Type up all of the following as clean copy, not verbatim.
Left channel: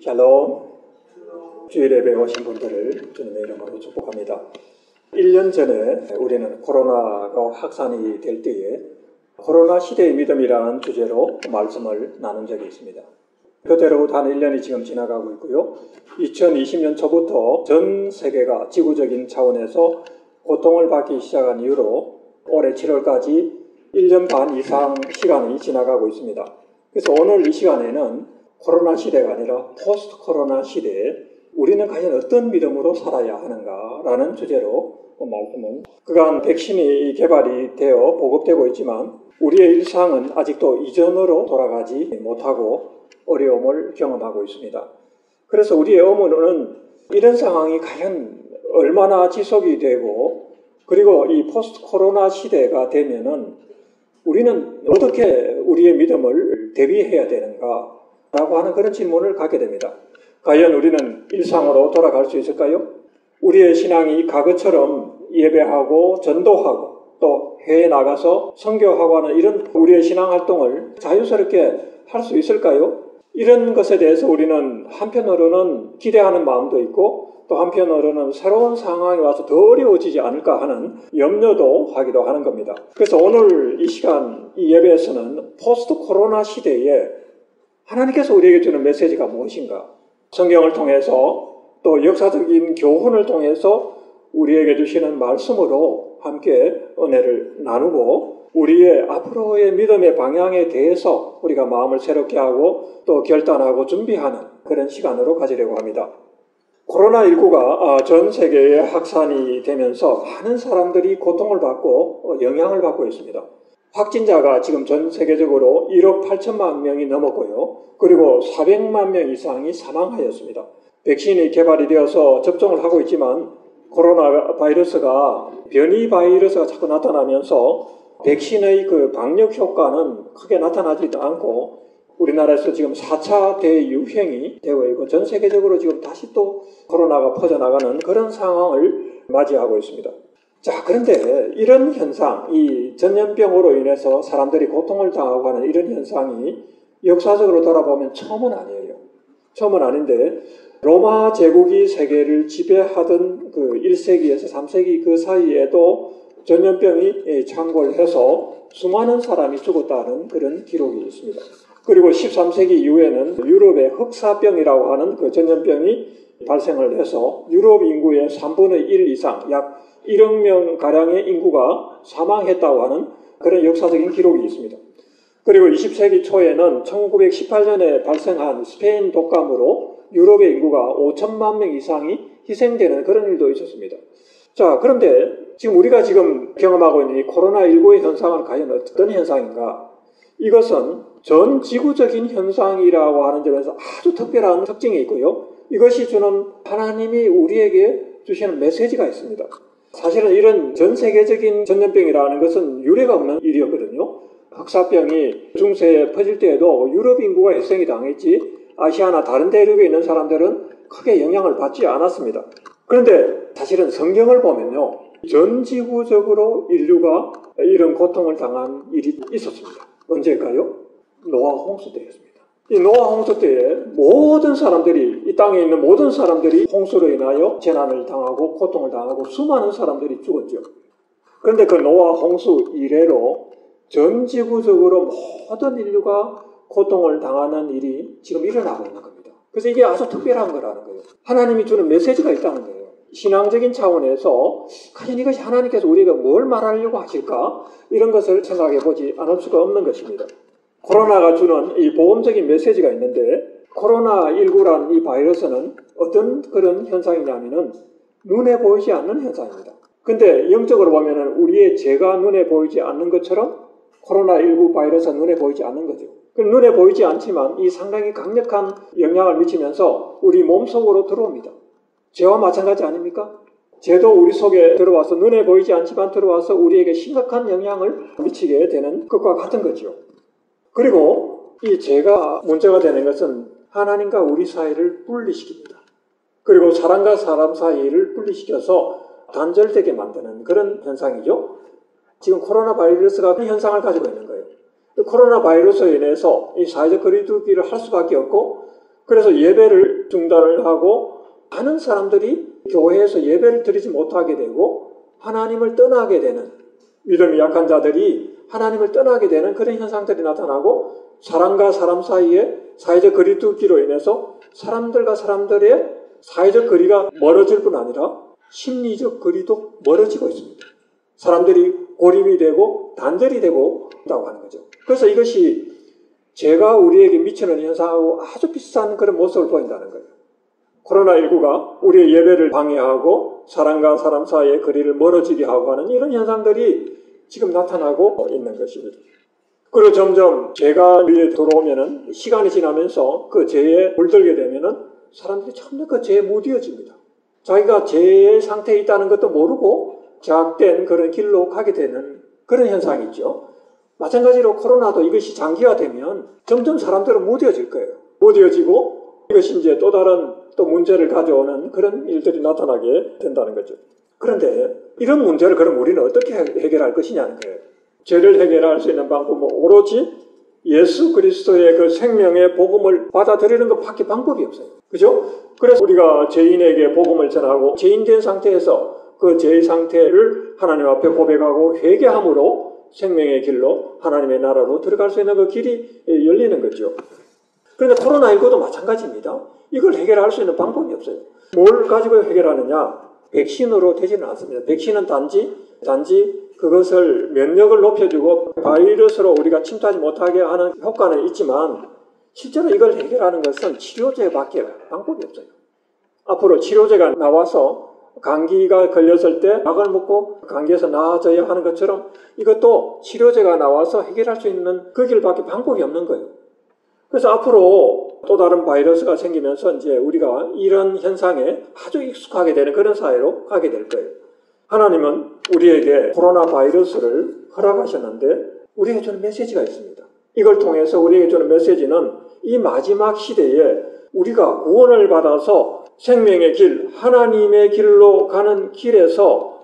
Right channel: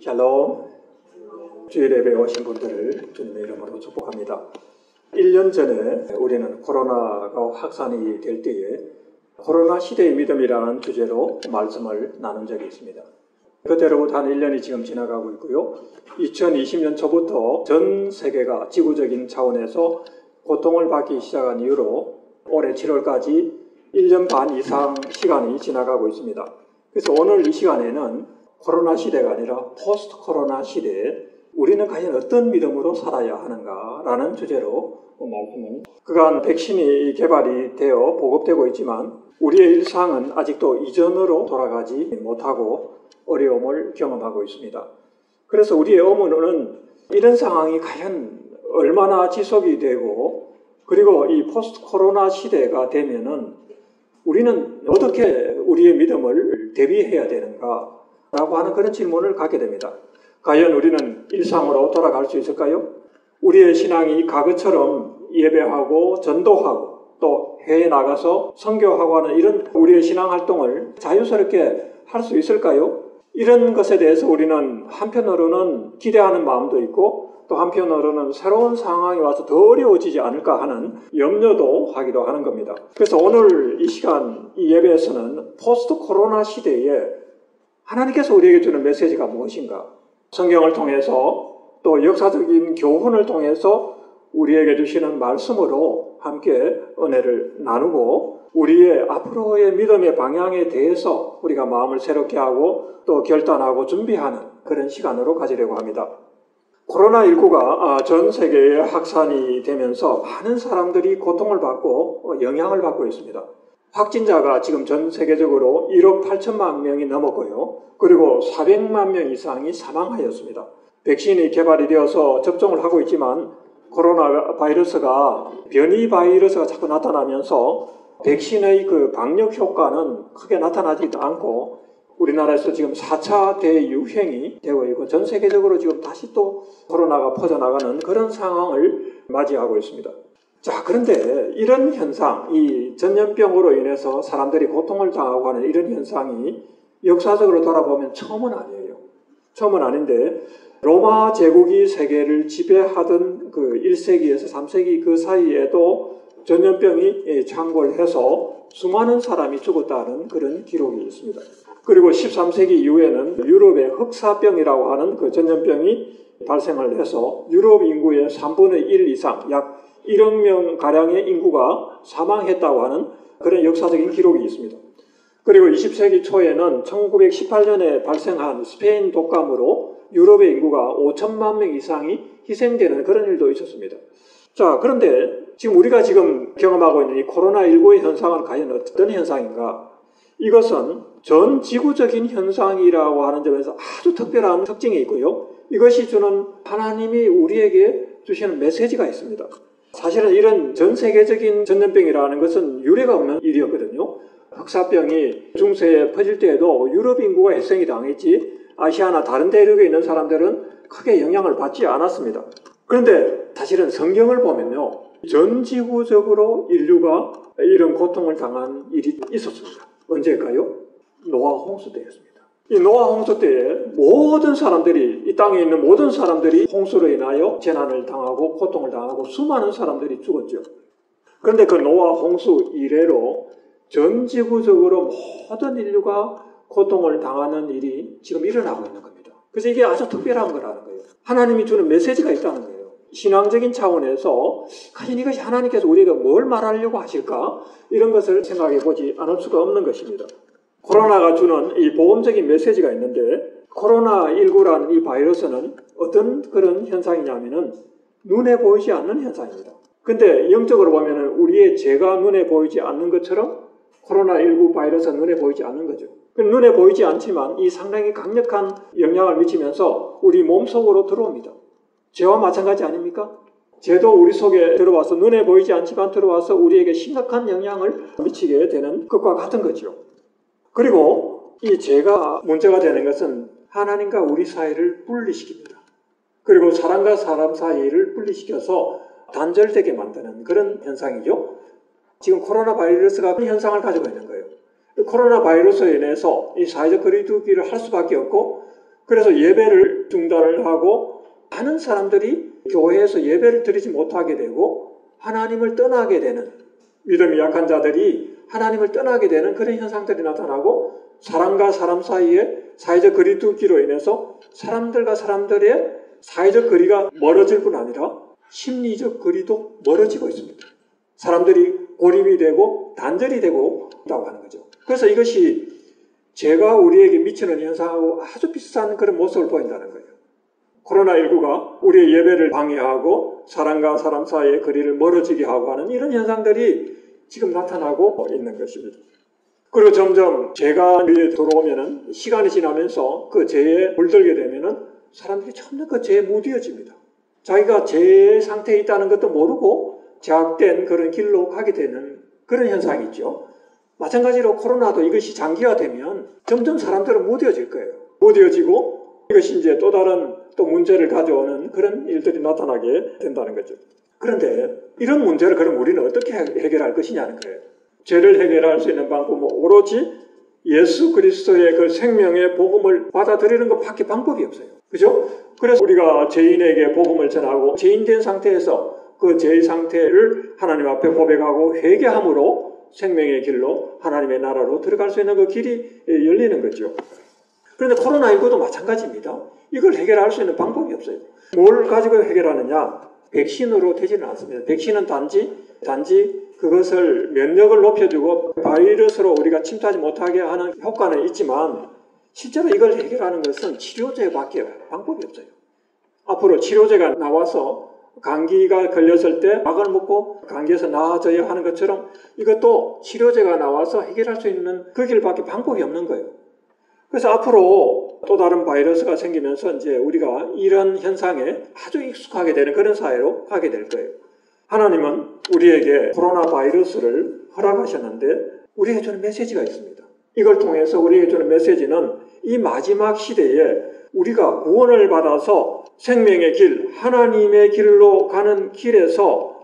샬롬. 주일 예배에 오신 분들을 주님의 이름으로 축복합니다. 1년 전에 우리는 코로나가 확산이 될 때에 코로나 시대의 믿음이라는 주제로 말씀을 나눈 적이 있습니다. 그때로부터 한 1년이 지금 지나가고 있고요. 2020년 초부터 전 세계가 지구적인 차원에서 고통을 받기 시작한 이후로 올해 7월까지 1년 반 이상 시간이 지나가고 있습니다. 그래서 오늘 이 시간에는 코로나 시대가 아니라 포스트 코로나 시대에 우리는 과연 어떤 믿음으로 살아야 하는가라는 주제로 말씀을, 그간 백신이 개발이 되어 보급되고 있지만 우리의 일상은 아직도 이전으로 돌아가지 못하고 어려움을 경험하고 있습니다. 그래서 우리의 의문은 이런 상황이 과연 얼마나 지속이 되고, 그리고 이 포스트 코로나 시대가 되면은 우리는 어떻게 우리의 믿음을 대비해야 되는가 라고 하는 그런 질문을 갖게 됩니다. 과연 우리는 일상으로 돌아갈 수 있을까요? 우리의 신앙이 과거처럼 예배하고 전도하고 또 해외에 나가서 선교하고 하는 이런 우리의 신앙 활동을 자유스럽게 할 수 있을까요? 이런 것에 대해서 우리는 한편으로는 기대하는 마음도 있고 또 한편으로는 새로운 상황이 와서 더 어려워지지 않을까 하는 염려도 하기도 하는 겁니다. 그래서 오늘 이 시간 이 예배에서는 포스트 코로나 시대에 하나님께서 우리에게 주는 메시지가 무엇인가? 성경을 통해서 또 역사적인 교훈을 통해서 우리에게 주시는 말씀으로 함께 은혜를 나누고 우리의 앞으로의 믿음의 방향에 대해서 우리가 마음을 새롭게 하고 또 결단하고 준비하는 그런 시간으로 가지려고 합니다. 코로나19가 전 세계에 확산이 되면서 많은 사람들이 고통을 받고 영향을 받고 있습니다. 확진자가 지금 전 세계적으로 1억 8천만 명이 넘었고요. 그리고 400만 명 이상이 사망하였습니다. 백신이 개발이 되어서 접종을 하고 있지만 코로나 바이러스가 변이 바이러스가 자꾸 나타나면서 백신의 그 방역 효과는 크게 나타나지도 않고 우리나라에서 지금 4차 대유행이 되고 있고 전 세계적으로 지금 다시 또 코로나가 퍼져나가는 그런 상황을 맞이하고 있습니다. 자, 그런데 이런 현상, 이 전염병으로 인해서 사람들이 고통을 당하고 하는 이런 현상이 역사적으로 돌아보면 처음은 아니에요. 처음은 아닌데 로마 제국이 세계를 지배하던 그 1세기에서 3세기 그 사이에도 전염병이 창궐해서 수많은 사람이 죽었다는 그런 기록이 있습니다. 그리고 13세기 이후에는 유럽의 흑사병이라고 하는 그 전염병이 발생을 해서 유럽 인구의 3분의 1 이상, 약 1억 명가량의 인구가 사망했다고 하는 그런 역사적인 기록이 있습니다. 그리고 20세기 초에는 1918년에 발생한 스페인 독감으로 유럽의 인구가 5천만 명 이상이 희생되는 그런 일도 있었습니다. 자, 그런데 지금 우리가 지금 경험하고 있는 이 코로나19의 현상은 과연 어떤 현상인가? 이것은 전 지구적인 현상이라고 하는 점에서 아주 특별한 특징이 있고요. 이것이 주는 하나님이 우리에게 주시는 메시지가 있습니다. 사실은 이런 전 세계적인 전염병이라는 것은 유례가 없는 일이었거든요. 흑사병이 중세에 퍼질 때에도 유럽 인구가 희생이 당했지 아시아나 다른 대륙에 있는 사람들은 크게 영향을 받지 않았습니다. 그런데 사실은 성경을 보면요, 전 지구적으로 인류가 이런 고통을 당한 일이 있었습니다. 언제일까요? 노아 홍수 때였습니다. 이 노아 홍수 때에 모든 사람들이, 이 땅에 있는 모든 사람들이 홍수로 인하여 재난을 당하고 고통을 당하고 수많은 사람들이 죽었죠. 그런데 그 노아 홍수 이래로 전 지구적으로 모든 인류가 고통을 당하는 일이 지금 일어나고 있는 겁니다. 그래서 이게 아주 특별한 거라는 거예요. 하나님이 주는 메시지가 있다는 거예요. 신앙적인 차원에서 과연 이것이 하나님께서 우리에게 뭘 말하려고 하실까? 이런 것을 생각해 보지 않을 수가 없는 것입니다. 코로나가 주는 이 보험적인 메시지가 있는데 코로나19라는 이 바이러스는 어떤 그런 현상이냐면은 눈에 보이지 않는 현상입니다. 근데 영적으로 보면은 우리의 죄가 눈에 보이지 않는 것처럼 코로나19 바이러스가 눈에 보이지 않는 거죠. 눈에 보이지 않지만 이 상당히 강력한 영향을 미치면서 우리 몸속으로 들어옵니다. 죄와 마찬가지 아닙니까? 죄도 우리 속에 들어와서 눈에 보이지 않지만 들어와서 우리에게 심각한 영향을 미치게 되는 것과 같은 거죠. 그리고 이 죄가 문제가 되는 것은 하나님과 우리 사이를 분리시킵니다. 그리고 사람과 사람 사이를 분리시켜서 단절되게 만드는 그런 현상이죠. 지금 코로나 바이러스가 그런 현상을 가지고 있는 거예요. 코로나 바이러스로 인해서 이 사회적 거리두기를 할 수밖에 없고 그래서 예배를 중단을 하고 많은 사람들이 교회에서 예배를 드리지 못하게 되고 하나님을 떠나게 되는, 믿음이 약한 자들이 하나님을 떠나게 되는 그런 현상들이 나타나고, 사람과 사람 사이에 사회적 거리 두기로 인해서 사람들과 사람들의 사회적 거리가 멀어질 뿐 아니라 심리적 거리도 멀어지고 있습니다. 사람들이 고립이 되고 단절이 되고 있다고 하는 거죠. 그래서 이것이 죄가 우리에게 미치는 현상하고 아주 비슷한 그런 모습을 보인다는 거예요. 코로나19가 우리의 예배를 방해하고 사람과 사람 사이의 거리를 멀어지게 하고 하는 이런 현상들이 지금 나타나고 있는 것입니다. 그리고 점점 죄가 우리에 들어오면은, 시간이 지나면서 그 죄에 물들게 되면은 사람들이 점점 그 죄에 무뎌집니다. 자기가 죄의 상태에 있다는 것도 모르고 제약된 그런 길로 가게 되는 그런 현상이 있죠. 마찬가지로 코로나도 이것이 장기화되면 점점 사람들은 무뎌질 거예요. 무뎌지고 이것이 이제 또 다른 문제를 가져오는 그런 일들이 나타나게 된다는 거죠. 그런데 이런 문제를 그럼 우리는 어떻게 해결할 것이냐는 거예요. 죄를 해결할 수 있는 방법은 오로지 예수 그리스도의 그 생명의 복음을 받아들이는 것밖에 방법이 없어요. 그죠? 그래서 우리가 죄인에게 복음을 전하고 죄인된 상태에서 그 죄의 상태를 하나님 앞에 고백하고 회개함으로 생명의 길로 하나님의 나라로 들어갈 수 있는 그 길이 열리는 거죠. 그런데 코로나19도 마찬가지입니다. 이걸 해결할 수 있는 방법이 없어요. 뭘 가지고 해결하느냐? 백신으로 되지는 않습니다. 백신은 단지 그것을 면역을 높여주고 바이러스로 우리가 침투하지 못하게 하는 효과는 있지만, 실제로 이걸 해결하는 것은 치료제밖에 방법이 없어요. 앞으로 치료제가 나와서 감기가 걸렸을 때 약을 먹고 감기에서 나아져야 하는 것처럼 이것도 치료제가 나와서 해결할 수 있는 그 길밖에 방법이 없는 거예요. 그래서 앞으로 또 다른 바이러스가 생기면서 이제 우리가 이런 현상에 아주 익숙하게 되는 그런 사회로 가게 될 거예요. 하나님은 우리에게 코로나 바이러스를 허락하셨는데 우리에게 주는 메시지가 있습니다. 이걸 통해서 우리에게 주는 메시지는 이 마지막 시대에 우리가 구원을 받아서 생명의 길, 하나님의 길로 가는 길에서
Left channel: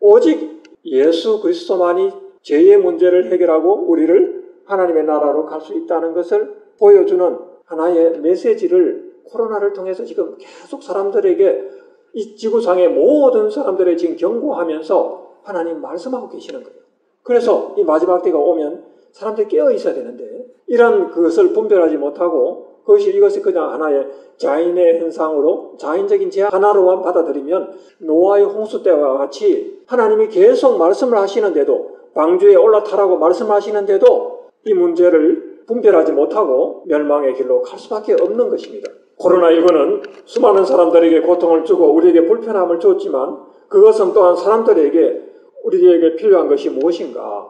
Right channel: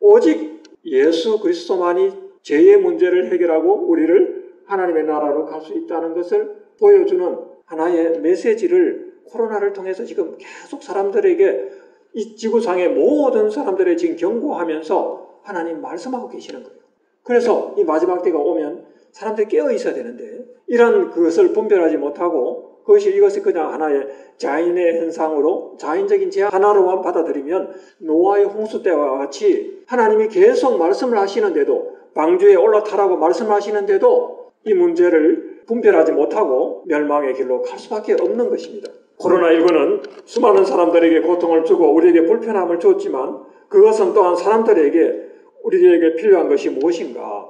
오직 예수 그리스도만이 죄의 문제를 해결하고 우리를 하나님의 나라로 갈 수 있다는 것을 보여주는 하나의 메시지를 코로나를 통해서 지금 계속 사람들에게, 이 지구상의 모든 사람들의 지금 경고하면서 하나님 말씀하고 계시는 거예요. 그래서 이 마지막 때가 오면 사람들이 깨어 있어야 되는데 이런 그것을 분별하지 못하고 이것을 그냥 하나의 자인의 현상으로, 자인적인 죄 하나로만 받아들이면 노아의 홍수 때와 같이 하나님이 계속 말씀을 하시는데도, 방주에 올라타라고 말씀을 하시는데도 이 문제를 분별하지 못하고 멸망의 길로 갈 수밖에 없는 것입니다. 코로나19는 수많은 사람들에게 고통을 주고 우리에게 불편함을 줬지만 그것은 또한 사람들에게 우리에게 필요한 것이 무엇인가,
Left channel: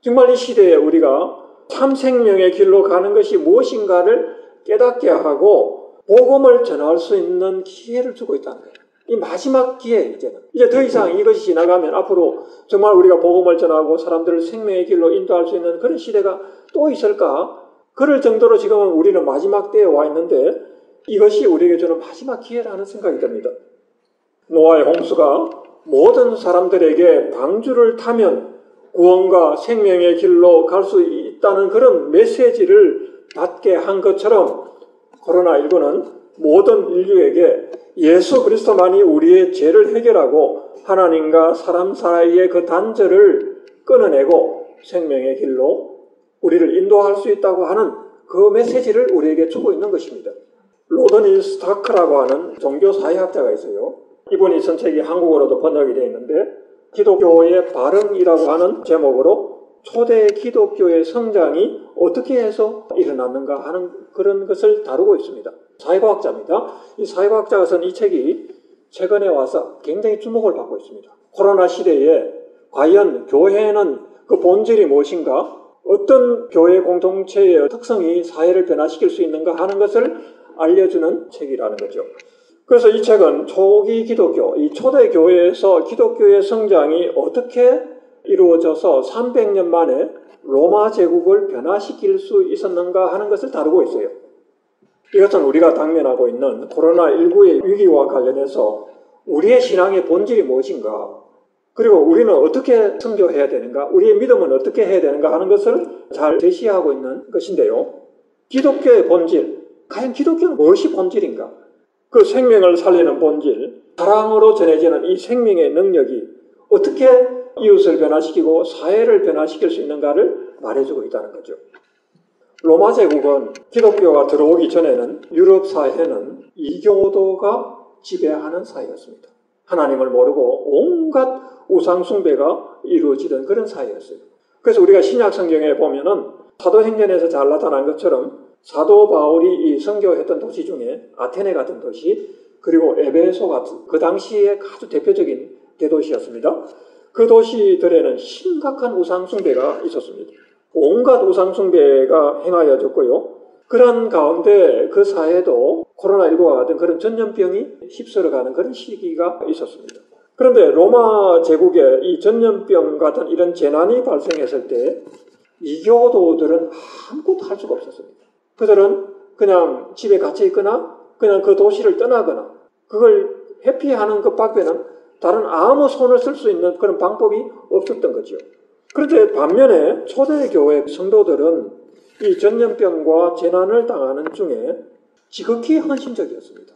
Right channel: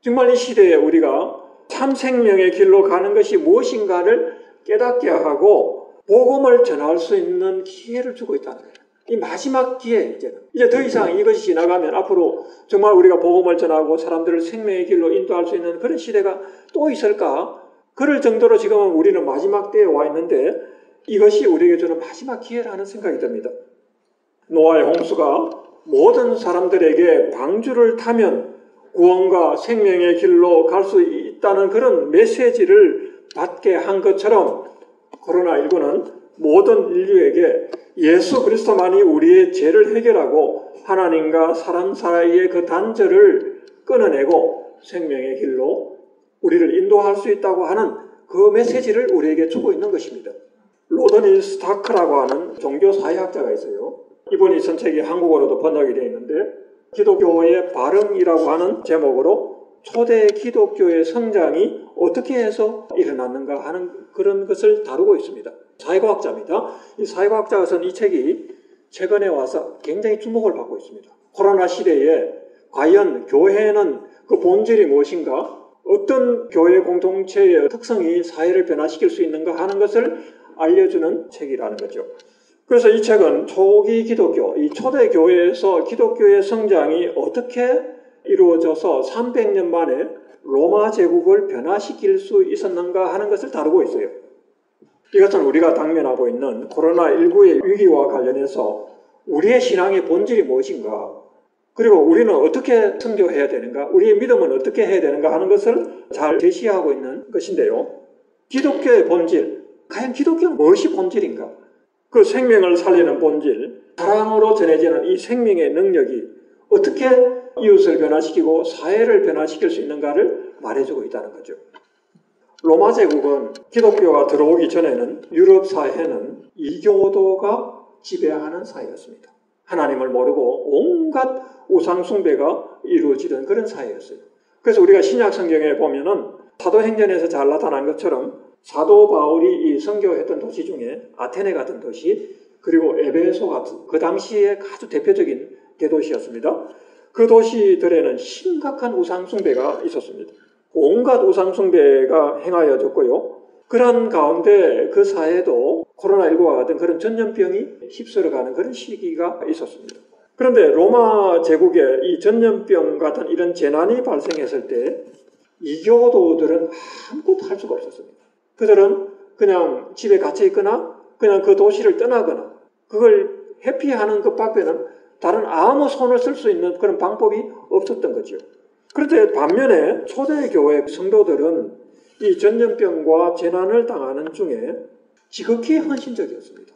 정말 이 시대에 우리가 참 생명의 길로 가는 것이 무엇인가를 깨닫게 하고 복음을 전할 수 있는 기회를 주고 있다는 거예요. 이 마지막 기회, 이제 더 이상 이것이 지나가면 앞으로 정말 우리가 복음을 전하고 사람들을 생명의 길로 인도할 수 있는 그런 시대가 또 있을까? 그럴 정도로 지금은 우리는 마지막 때에 와 있는데 이것이 우리에게 주는 마지막 기회라는 생각이 듭니다. 노아의 홍수가 모든 사람들에게 방주를 타면 구원과 생명의 길로 갈 수 있다는 그런 메시지를 받게 한 것처럼 코로나19는 모든 인류에게 예수 그리스도만이 우리의 죄를 해결하고 하나님과 사람 사이의 그 단절을 끊어내고 생명의 길로 우리를 인도할 수 있다고 하는 그 메시지를 우리에게 주고 있는 것입니다. 로더니 스타크라고 하는 종교사회학자가 있어요. 이분이 전책이 한국어로도 번역이 되어 있는데 기독교의 발흥이라고 하는 제목으로 초대 기독교의 성장이 어떻게 해서 일어났는가 하는 그런 것을 다루고 있습니다. 사회과학자입니다. 이 사회과학자가 쓴 이 책이 최근에 와서 굉장히 주목을 받고 있습니다. 코로나 시대에 과연 교회는 그 본질이 무엇인가, 어떤 교회 공동체의 특성이 사회를 변화시킬 수 있는가 하는 것을 알려주는 책이라는 거죠. 그래서 이 책은 초기 기독교, 이 초대 교회에서 기독교의 성장이 어떻게 이루어져서 300년 만에 로마 제국을 변화시킬 수 있었는가 하는 것을 다루고 있어요. 이것은 우리가 당면하고 있는 코로나19의 위기와 관련해서 우리의 신앙의 본질이 무엇인가, 그리고 우리는 어떻게 선교해야 되는가, 우리의 믿음은 어떻게 해야 되는가 하는 것을 잘 제시하고 있는 것인데요. 기독교의 본질, 과연 기독교는 무엇이 본질인가? 그 생명을 살리는 본질, 사랑으로 전해지는 이 생명의 능력이 어떻게 이웃을 변화시키고 사회를 변화시킬 수 있는가를 말해주고 있다는 거죠. 로마 제국은 기독교가 들어오기 전에는 유럽 사회는 이교도가 지배하는 사회였습니다. 하나님을 모르고 온갖 우상 숭배가 이루어지던 그런 사회였어요. 그래서 우리가 신약 성경에 보면은 사도행전에서 잘 나타난 것처럼 사도 바울이 이 선교했던 도시 중에 아테네 같은 도시, 그리고 에베소 같은 그 당시에 아주 대표적인 대도시였습니다. 그 도시들에는 심각한 우상 숭배가 있었습니다. 온갖 우상 숭배가 행하여졌고요. 그런 가운데 그 사회도 코로나19와 같은 그런 전염병이 휩쓸어가는 그런 시기가 있었습니다. 그런데 로마 제국에 이 전염병 같은 이런 재난이 발생했을 때 이교도들은 아무것도 할 수가 없었습니다. 그들은 그냥 집에 갇혀 있거나 그냥 그 도시를 떠나거나 그걸 회피하는 것 밖에는 다른 아무 손을 쓸 수 있는 그런 방법이 없었던 거죠. 그런데 반면에 초대교회 성도들은 이 전염병과 재난을 당하는 중에 지극히 헌신적이었습니다.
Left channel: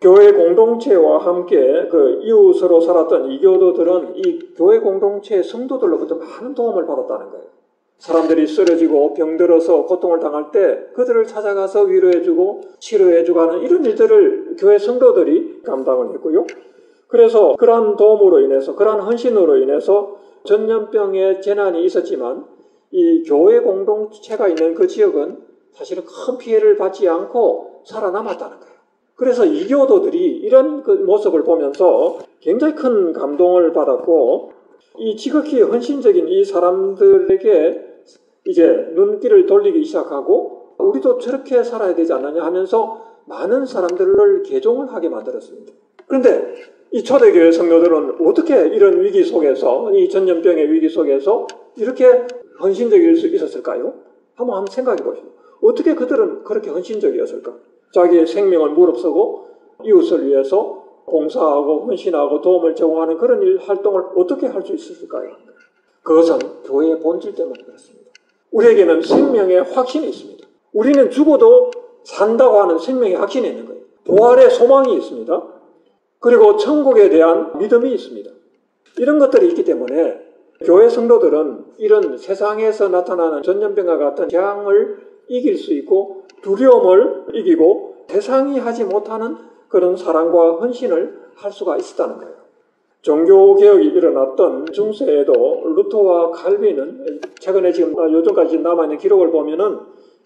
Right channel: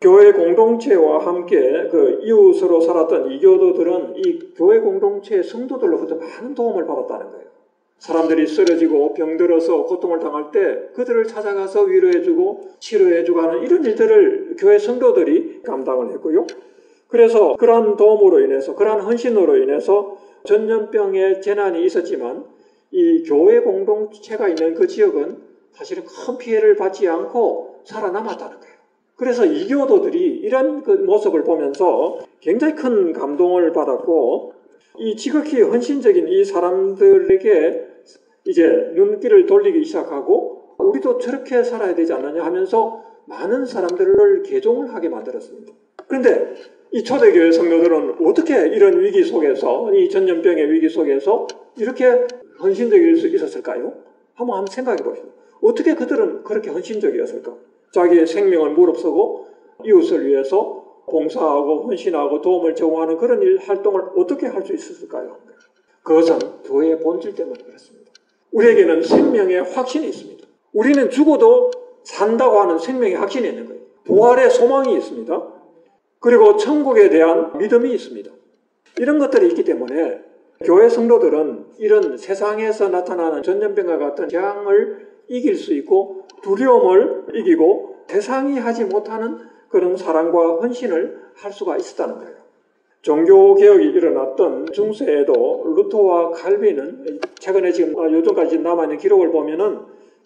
교회 공동체와 함께 그 이웃으로 살았던 이교도들은 이 교회 공동체의 성도들로부터 많은 도움을 받았다는 거예요. 사람들이 쓰러지고 병들어서 고통을 당할 때 그들을 찾아가서 위로해주고 치료해주고 하는 이런 일들을 교회 성도들이 감당을 했고요. 그래서 그러한 도움으로 인해서, 그러한 헌신으로 인해서 전염병의 재난이 있었지만 이 교회 공동체가 있는 그 지역은 사실은 큰 피해를 받지 않고 살아남았다는 거예요. 그래서 이교도들이 이런 그 모습을 보면서 굉장히 큰 감동을 받았고, 이 지극히 헌신적인 이 사람들에게 이제 눈길을 돌리기 시작하고 우리도 저렇게 살아야 되지 않느냐 하면서 많은 사람들을 개종을 하게 만들었습니다. 그런데 이 초대교회 성도들은 어떻게 이런 위기 속에서, 이 전염병의 위기 속에서 이렇게 헌신적일 수 있었을까요? 한번 생각해 보시죠. 어떻게 그들은 그렇게 헌신적이었을까? 자기의 생명을 무릅쓰고 이웃을 위해서 봉사하고 헌신하고 도움을 제공하는 그런 활동을 어떻게 할 수 있었을까요? 그것은 교회의 본질 때문에 그렇습니다. 우리에게는 생명의 확신이 있습니다. 우리는 죽어도 산다고 하는 생명의 확신이 있는 거예요. 부활의 소망이 있습니다. 그리고 천국에 대한 믿음이 있습니다. 이런 것들이 있기 때문에 교회 성도들은 이런 세상에서 나타나는 전염병과 같은 재앙을 이길 수 있고 두려움을 이기고 세상이 하지 못하는 그런 사랑과 헌신을 할 수가 있었다는 거예요. 종교개혁이 일어났던 중세에도 루터와 칼빈은 최근에 지금 요즘까지 남아있는 기록을 보면은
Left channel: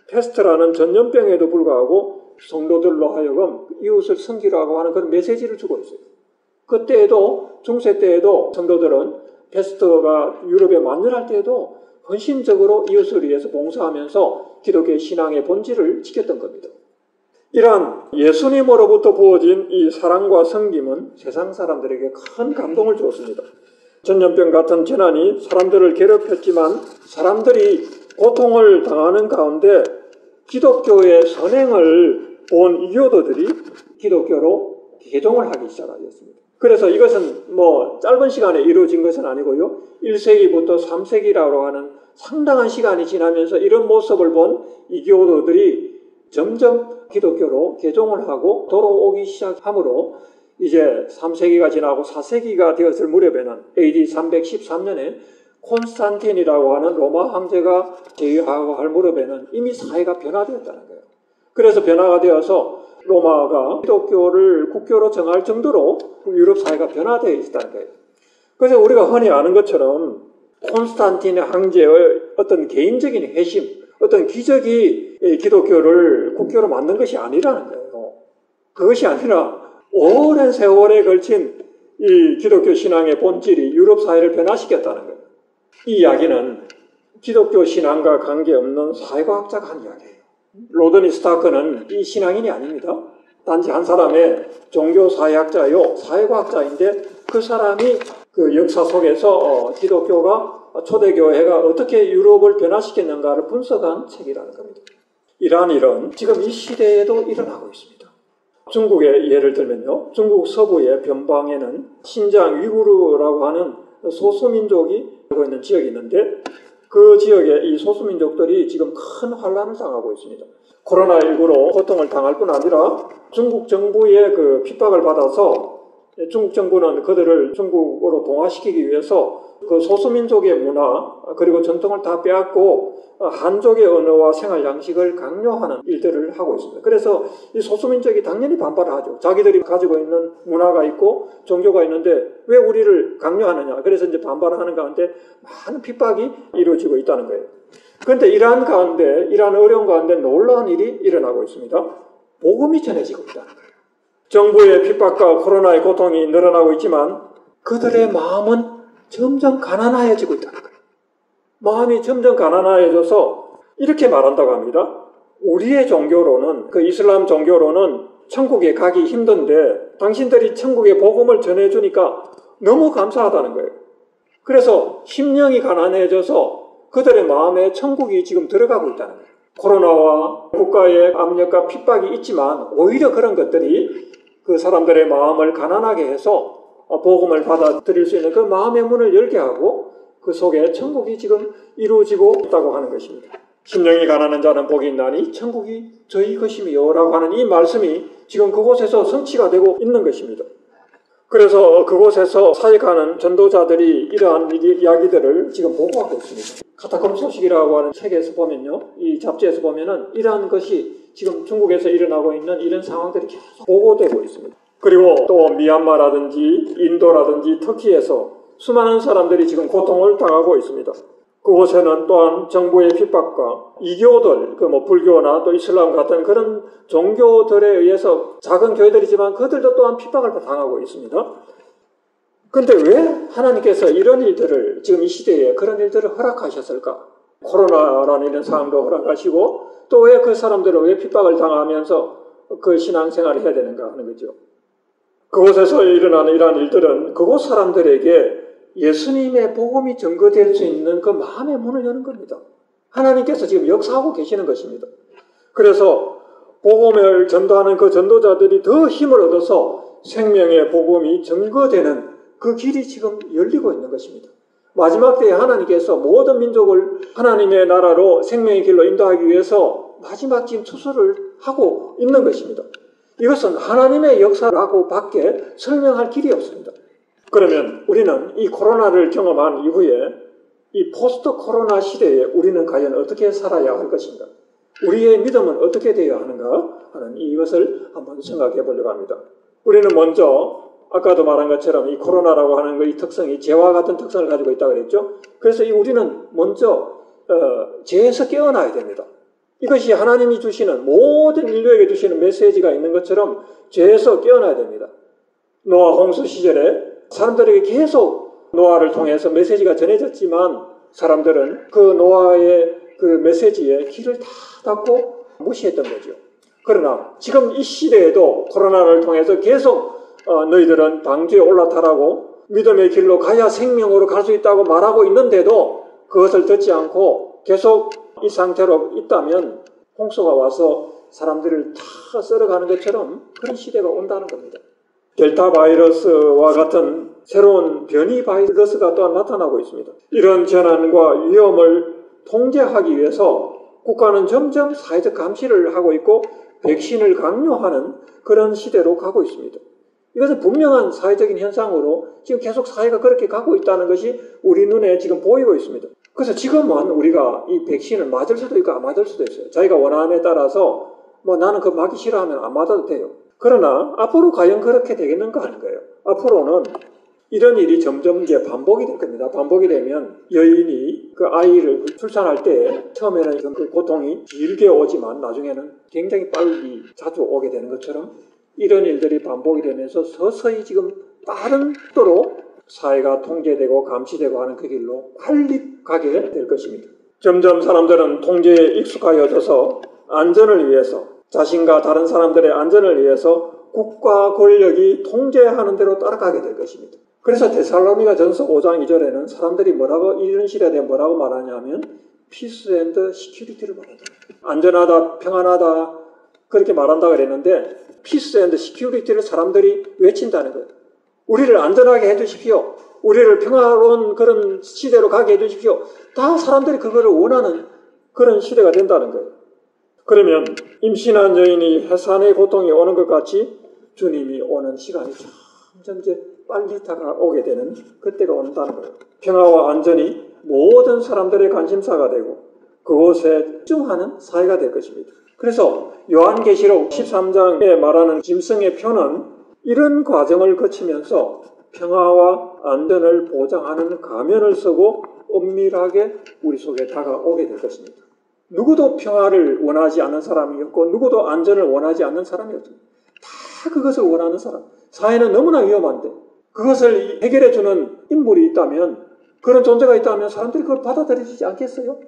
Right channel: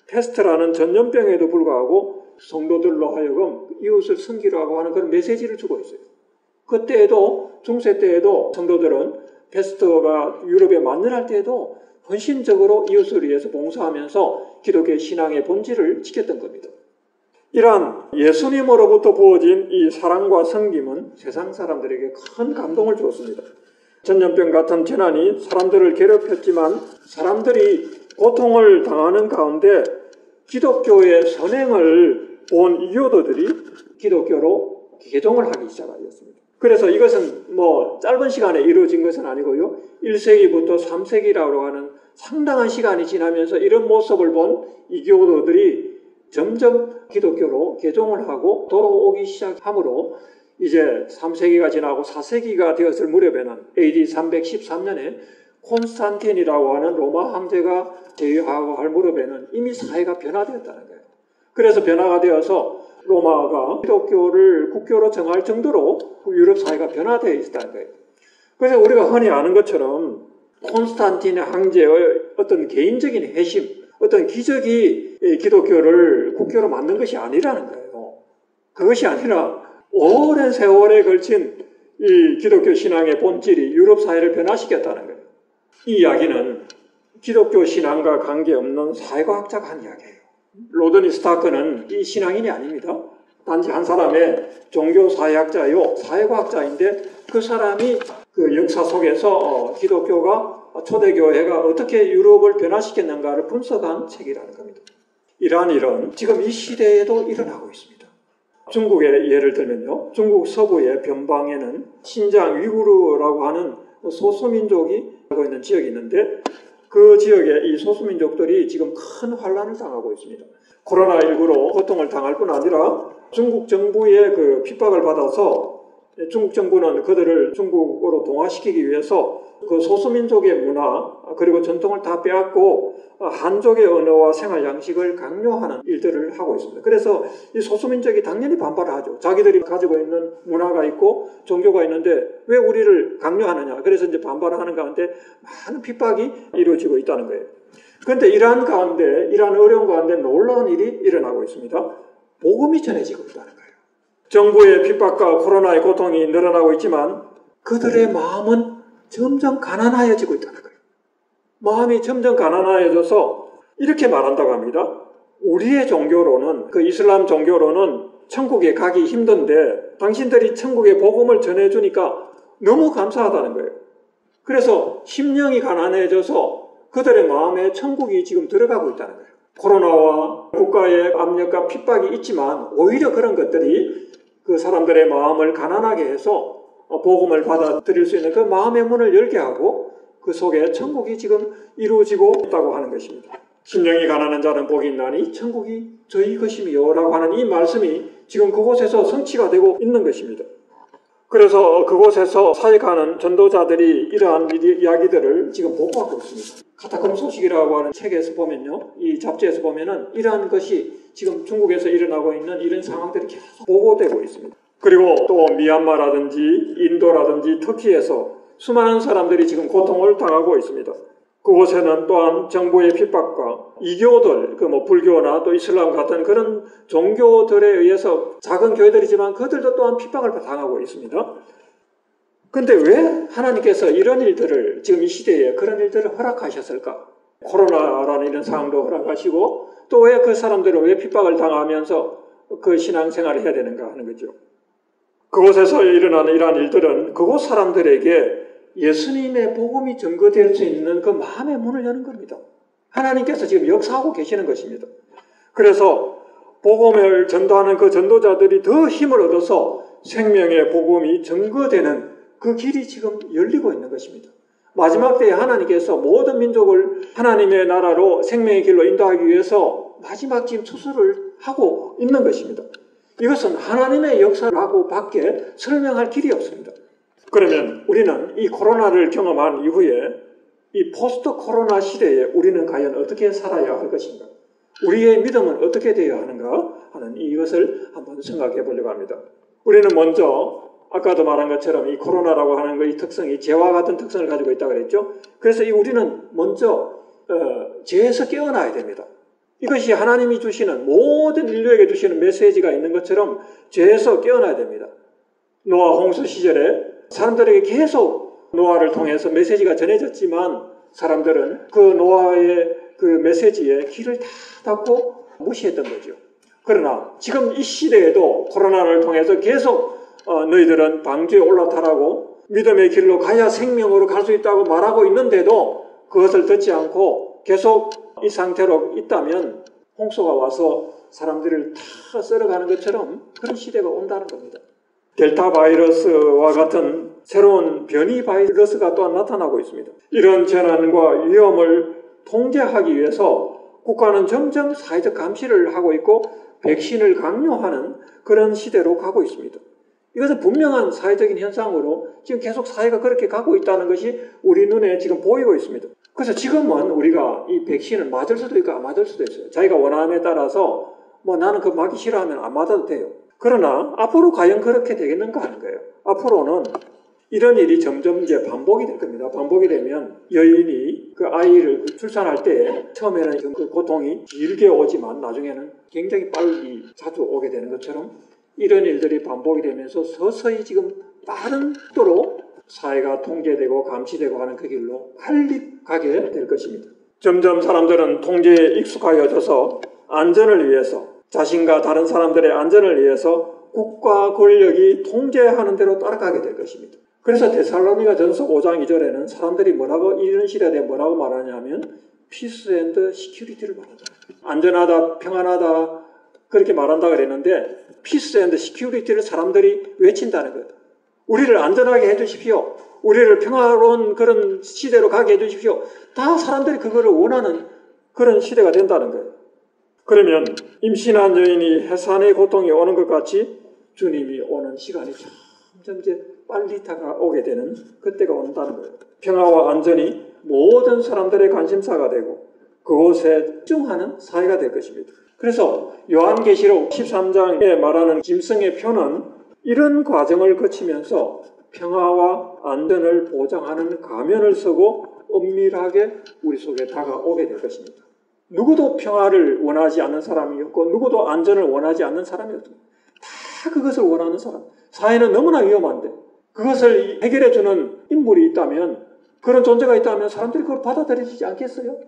패스트라는 전염병에도 불구하고 성도들로 하여금 이웃을 섬기라고 하는 그런 메시지를 주고 있어요. 그때에도 중세 때에도 성도들은 패스트가 유럽에 만연할 때에도 헌신적으로 이웃을 위해서 봉사하면서 기독교의 신앙의 본질을 지켰던 겁니다. 이러한 예수님으로부터 부어진 이 사랑과 섬김은 세상 사람들에게 큰 감동을 주었습니다. 전염병 같은 재난이 사람들을 괴롭혔지만 사람들이 고통을 당하는 가운데 기독교의 선행을 본 이교도들이 기독교로 개종을 하기 시작하였습니다. 그래서 이것은 짧은 시간에 이루어진 것은 아니고요. 1세기부터 3세기라고 하는 상당한 시간이 지나면서 이런 모습을 본 이교도들이 점점 기독교로 개종을 하고 돌아오기 시작하므로 이제 3세기가 지나고 4세기가 되었을 무렵에는 AD 313년에 콘스탄틴이라고 하는 로마 황제가 제위하고 할 무렵에는 이미 사회가 변화되었다는 거예요. 그래서 변화가 되어서 로마가 기독교를 국교로 정할 정도로 유럽 사회가 변화되어 있었다는 거예요. 그래서 우리가 흔히 아는 것처럼 콘스탄틴의 황제의 어떤 개인적인 회심, 어떤 기적이 기독교를 국교로 만든 것이 아니라는 거예요. 그것이 아니라 오랜 세월에 걸친 이 기독교 신앙의 본질이 유럽 사회를 변화시켰다는 거예요. 이 이야기는 기독교 신앙과 관계없는 사회과학자가 한 이야기예요. 로드니 스타크는 이 신앙인이 아닙니다. 단지 한 사람의 종교사회학자요, 사회과학자인데 그 사람이 그 역사 속에서 기독교가 초대교회가 어떻게 유럽을 변화시켰는가를 분석한 책이라는 겁니다. 이러한 일은 지금 이 시대에도 일어나고 있습니다. 중국의 예를 들면요. 중국 서부의 변방에는 신장 위구르라고 하는 소수민족이 살고 있는 지역이 있는데 그 지역에 이 소수민족들이 지금 큰 환란을 당하고 있습니다. 코로나19로 고통을 당할 뿐 아니라 중국 정부의 그 핍박을 받아서 중국 정부는 그들을 중국으로 동화시키기 위해서 그 소수민족의 문화 그리고 전통을 다 빼앗고 한족의 언어와 생활 양식을 강요하는 일들을 하고 있습니다. 그래서 이 소수민족이 당연히 반발을 하죠. 자기들이 가지고 있는 문화가 있고 종교가 있는데 왜 우리를 강요하느냐. 그래서 이제 반발을 하는 가운데 많은 핍박이 이루어지고 있다는 거예요. 그런데 이러한 어려운 가운데 놀라운 일이 일어나고 있습니다. 복음이 전해지고 있다는 거예요. 정부의 핍박과 코로나의 고통이 늘어나고 있지만 그들의 마음은 점점 가난해지고 있다는 거예요. 마음이 점점 가난해져서 이렇게 말한다고 합니다. 우리의 종교로는, 그 이슬람 종교로는 천국에 가기 힘든데 당신들이 천국의 복음을 전해주니까 너무 감사하다는 거예요. 그래서 심령이 가난해져서 그들의 마음에 천국이 지금 들어가고 있다는 거예요. 코로나와 국가의 압력과 핍박이 있지만 오히려 그런 것들이 그 사람들의 마음을 가난하게 해서 복음을 받아들일 수 있는 그 마음의 문을 열게 하고 그 속에 천국이 지금 이루어지고 있다고 하는 것입니다. 심령이 가난한 자는 복이 있나니 천국이 저희 것이며 라고 하는 이 말씀이 지금 그곳에서 성취가 되고 있는 것입니다. 그래서 그곳에서 사역하는 전도자들이 이러한 이야기들을 지금 보고하고 있습니다. 카타콤 소식이라고 하는 책에서 보면요, 이 잡지에서 보면은 이러한 것이 지금 중국에서 일어나고 있는 이런 상황들이 계속 보고되고 있습니다. 그리고 또 미얀마라든지 인도라든지 터키에서 수많은 사람들이 지금 고통을 당하고 있습니다. 그곳에는 또한 정부의 핍박과 이교들, 불교나 또 이슬람 같은 그런 종교들에 의해서 작은 교회들이지만 그들도 또한 핍박을 당하고 있습니다. 그런데 왜 하나님께서 이런 일들을 지금 이 시대에 그런 일들을 허락하셨을까? 코로나라는 이런 상황도 허락하시고 또 왜 그 사람들은 왜 핍박을 당하면서 그 신앙생활을 해야 되는가 하는 거죠. 그곳에서 일어나는 이러한 일들은 그곳 사람들에게 예수님의 복음이 증거될 수 있는 그 마음의 문을 여는 겁니다. 하나님께서 지금 역사하고 계시는 것입니다. 그래서 복음을 전도하는 그 전도자들이 더 힘을 얻어서 생명의 복음이 증거되는 그 길이 지금 열리고 있는 것입니다. 마지막 때에 하나님께서 모든 민족을 하나님의 나라로 생명의 길로 인도하기 위해서 마지막 지금 추수를 하고 있는 것입니다. 이것은 하나님의 역사라고 밖에 설명할 길이 없습니다. 그러면 우리는 이 코로나를 경험한 이후에 이 포스트 코로나 시대에 우리는 과연 어떻게 살아야 할 것인가? 우리의 믿음은 어떻게 되어야 하는가 하는 이것을 한번 생각해 보려고 합니다. 우리는 먼저 아까도 말한 것처럼 이 코로나라고 하는 이 특성이 죄와 같은 특성을 가지고 있다고 그랬죠. 그래서 우리는 먼저 죄에서 깨어나야 됩니다. 이것이 하나님이 주시는 모든 인류에게 주시는 메시지가 있는 것처럼 죄에서 깨어나야 됩니다. 노아 홍수 시절에 사람들에게 계속 노아를 통해서 메시지가 전해졌지만 사람들은 그 노아의 그 메시지에 귀를 다 닫고 무시했던 거죠. 그러나 지금 이 시대에도 코로나를 통해서 계속 너희들은 방주에 올라타라고 믿음의 길로 가야 생명으로 갈 수 있다고 말하고 있는데도 그것을 듣지 않고 계속 이 상태로 있다면 홍수가 와서 사람들을 다 썰어가는 것처럼 그런 시대가 온다는 겁니다. 델타 바이러스와 같은 새로운 변이 바이러스가 또한 나타나고 있습니다. 이런 재난과 위험을 통제하기 위해서 국가는 점점 사회적 감시를 하고 있고 백신을 강요하는 그런 시대로 가고 있습니다. 이것은 분명한 사회적인 현상으로 지금 계속 사회가 그렇게 가고 있다는 것이 우리 눈에 지금 보이고 있습니다. 그래서 지금은 우리가 이 백신을 맞을 수도 있고 안 맞을 수도 있어요. 자기가 원함에 따라서 나는 그거 맞기 싫어하면 안 맞아도 돼요. 그러나 앞으로 과연 그렇게 되겠는가 하는 거예요. 앞으로는 이런 일이 점점 이제 반복이 될 겁니다. 반복이 되면 여인이 그 아이를 출산할 때 처음에는 그 고통이 길게 오지만 나중에는 굉장히 빨리 자주 오게 되는 것처럼 이런 일들이 반복이 되면서 서서히 지금 빠른 속도로 사회가 통제되고 감시되고 하는 그 길로 빨리 가게 될 것입니다. 점점 사람들은 통제에 익숙하여져서 안전을 위해서 자신과 다른 사람들의 안전을 위해서 국가 권력이 통제하는 대로 따라가게 될 것입니다. 그래서 데살로니가 전서 5장 2절에는 사람들이 이런 시대에 뭐라고 말하냐면 피스 앤드 시큐리티를 말하잖아요. 안전하다, 평안하다 그렇게 말한다고 그랬는데 피스 앤드 시큐리티를 사람들이 외친다는 거예요. 우리를 안전하게 해주십시오. 우리를 평화로운 그런 시대로 가게 해주십시오. 다 사람들이 그거를 원하는 그런 시대가 된다는 거예요. 그러면 임신한 여인이 해산의 고통이 오는 것 같이 주님이 오는 시간이 점점 이제 빨리 다가오게 되는 그때가 온다는 거예요. 평화와 안전이 모든 사람들의 관심사가 되고 그곳에 집중하는 사회가 될 것입니다. 그래서 요한계시록 13장에 말하는 짐승의 표는 이런 과정을 거치면서 평화와 안전을 보장하는 가면을 쓰고 엄밀하게 우리 속에 다가오게 될 것입니다. 누구도 평화를 원하지 않는 사람이었고 누구도 안전을 원하지 않는 사람이었습니다. 다 그것을 원하는 사람. 사회는 너무나 위험한데 그것을 해결해주는 인물이 있다면, 그런 존재가 있다면 사람들이 그걸 받아들이지 않겠어요?